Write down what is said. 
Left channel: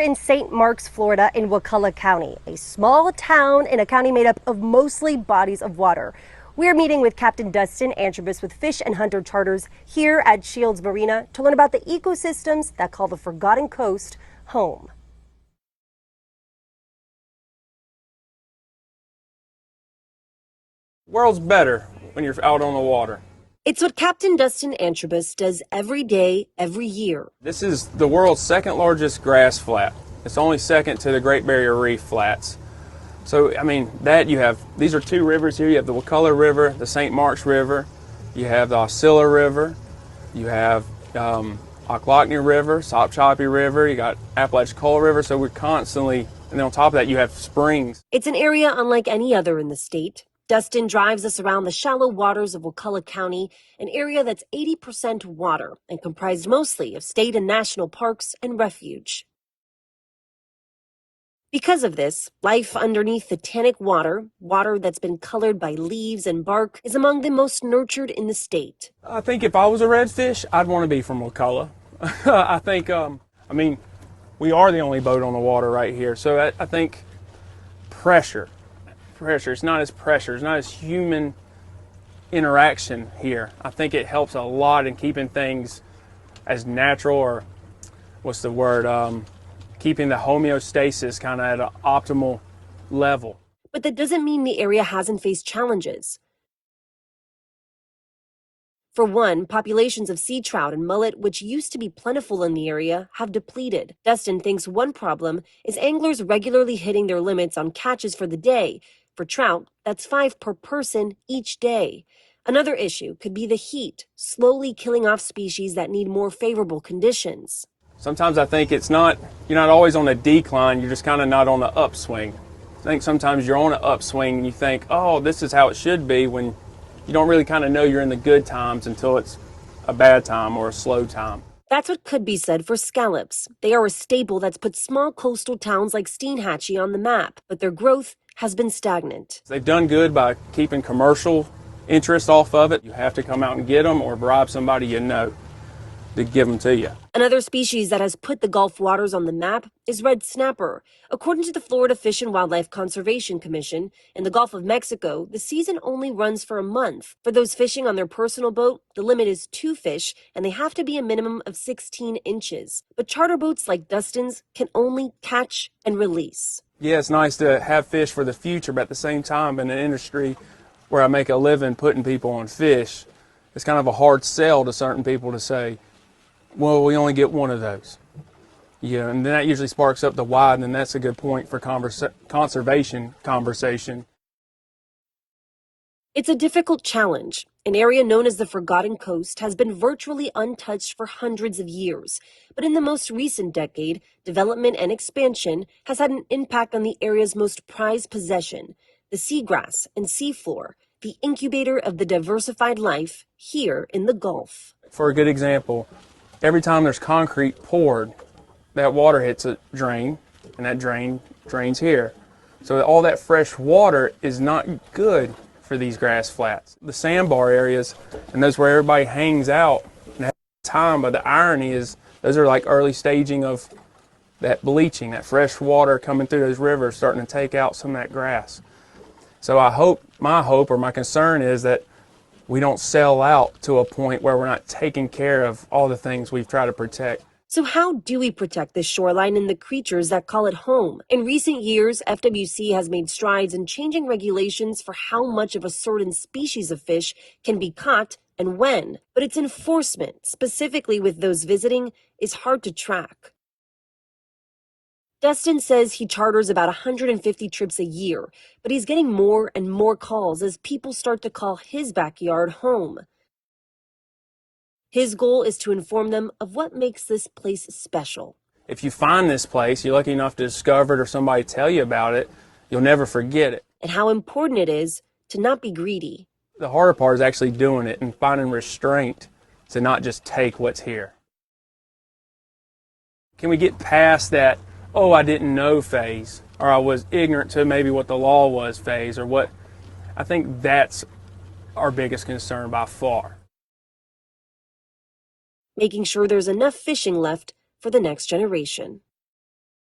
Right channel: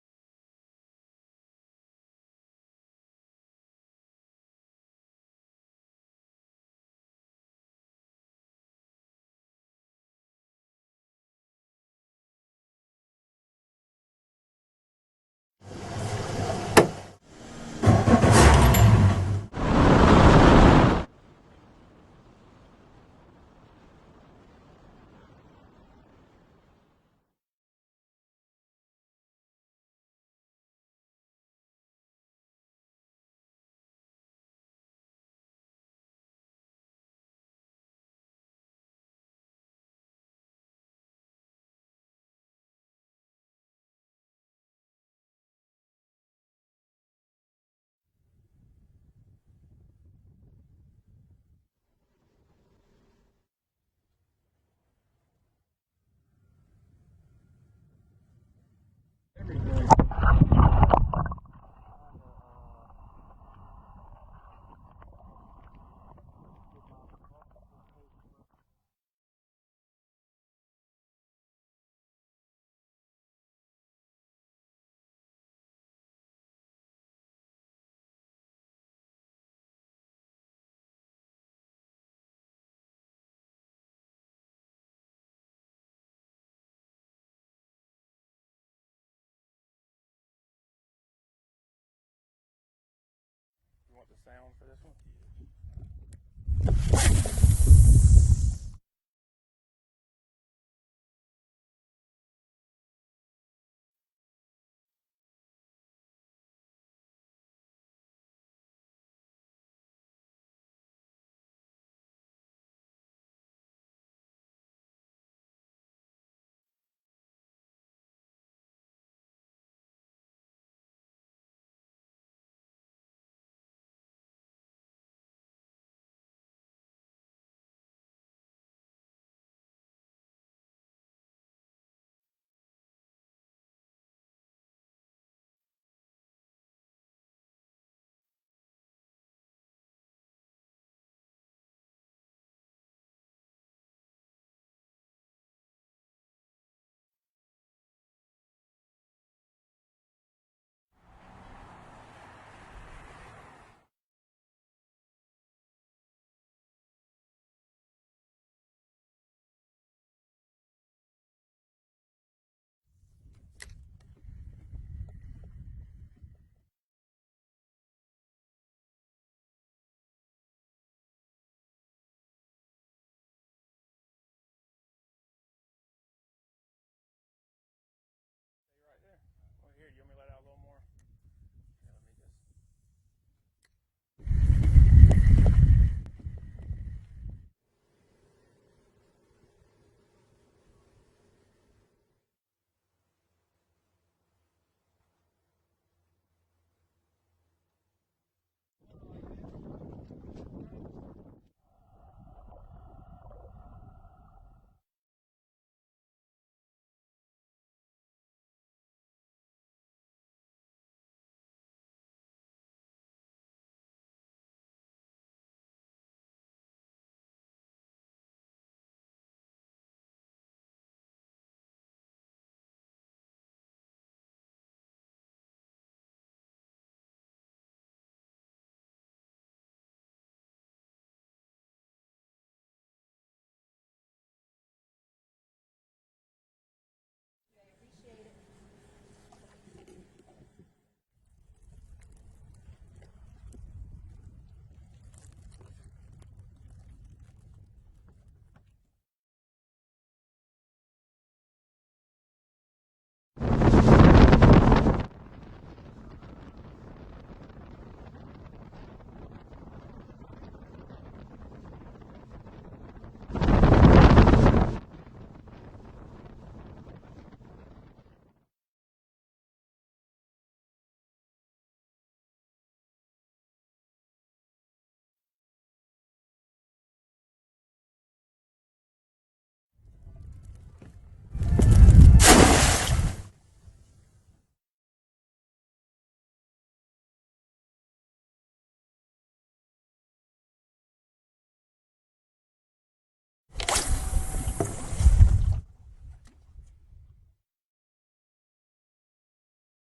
in St. Marks, Florida, in Wakulla County, a small town in a county made up of mostly bodies of water. We're meeting with Captain Dustin Antrobus with Fish and Hunter Charters here at Shields Marina to learn about the ecosystems that call the Forgotten Coast home. World's better when you're out on the water. It's what Captain Dustin Antrobus does every day, every year. This is the world's second largest grass flat. It's only second to the Great Barrier Reef flats. So, I mean, these are two rivers here. You have the Wakulla River, the St. Marks River, you have the Osceola River, you have Ocklackney River, Sopchoppy River, you got Apalachicola River. So we're constantly, and then on top of that, you have springs. It's an area unlike any other in the state. Dustin drives us around the shallow waters of Wakulla County, an area that's 80% water and comprised mostly of state and national parks and refuge. Because of this, life underneath the tannic water that's been colored by leaves and bark, is among the most nurtured in the state. I think if I was a redfish, I'd want to be from Wakulla. I think, I mean, we are the only boat on the water right here, so I think pressure. It's not as pressure, it's not as human interaction here. I think it helps a lot in keeping things as natural, or what's the word, keeping the homeostasis kind of at an optimal level. But that doesn't mean the area hasn't faced challenges. For one, populations of sea trout and mullet, which used to be plentiful in the area, have depleted. Dustin thinks one problem is anglers regularly hitting their limits on catches for the day. For trout, that's 5 per person each day. Another issue could be the heat, slowly killing off species that need more favorable conditions. Sometimes I think you're not always on a decline, you're just kind of not on the upswing. I think sometimes you're on an upswing and you think, oh, this is how it should be, when you don't really kind of know you're in the good times until it's a bad time or a slow time. That's what could be said for scallops. They are a staple that's put small coastal towns like Steinhatchee on the map, but their growth has been stagnant. They've done good by keeping commercial interest off of it. You have to come out and get them or bribe somebody you know to give them to you. Another species that has put the Gulf waters on the map is red snapper. According to the Florida Fish and Wildlife Conservation Commission, in the Gulf of Mexico, the season only runs for a month. For those fishing on their personal boat, the limit is 2 fish, and they have to be a minimum of 16 inches. But charter boats like Dustin's can only catch and release. Yeah, it's nice to have fish for the future, but at the same time, in an industry where I make a living putting people on fish, it's kind of a hard sell to certain people to say, well, we only get one of those. Yeah, and then that usually sparks up the why, and then that's a good point for conservation conversation. It's a difficult challenge. An area known as the Forgotten Coast has been virtually untouched for hundreds of years. But in the most recent decade, development and expansion has had an impact on the area's most prized possession, the seagrass and seafloor, the incubator of the diversified life here in the Gulf. For a good example, every time there's concrete poured, that water hits a drain, and that drain drains here. So all that fresh water is not good for these grass flats. The sandbar areas, and those where everybody hangs out and has time, but the irony is those are like early staging of that bleaching, that fresh water coming through those rivers starting to take out some of that grass. So my hope or my concern is that we don't sell out to a point where we're not taking care of all the things we've tried to protect. So how do we protect this shoreline and the creatures that call it home? In recent years, FWC has made strides in changing regulations for how much of a certain species of fish can be caught and when. But its enforcement, specifically with those visiting, is hard to track. Dustin says he charters about 150 trips a year, but he's getting more and more calls as people start to call his backyard home. His goal is to inform them of what makes this place special. If you find this place, you're lucky enough to discover it or somebody tell you about it, you'll never forget it. And how important it is to not be greedy. The harder part is actually doing it and finding restraint to not just take what's here. Can we get past that, oh, I didn't know phase, or I was ignorant to maybe what the law was phase, or what? I think that's our biggest concern by far. Making sure there's enough fishing left for the next generation.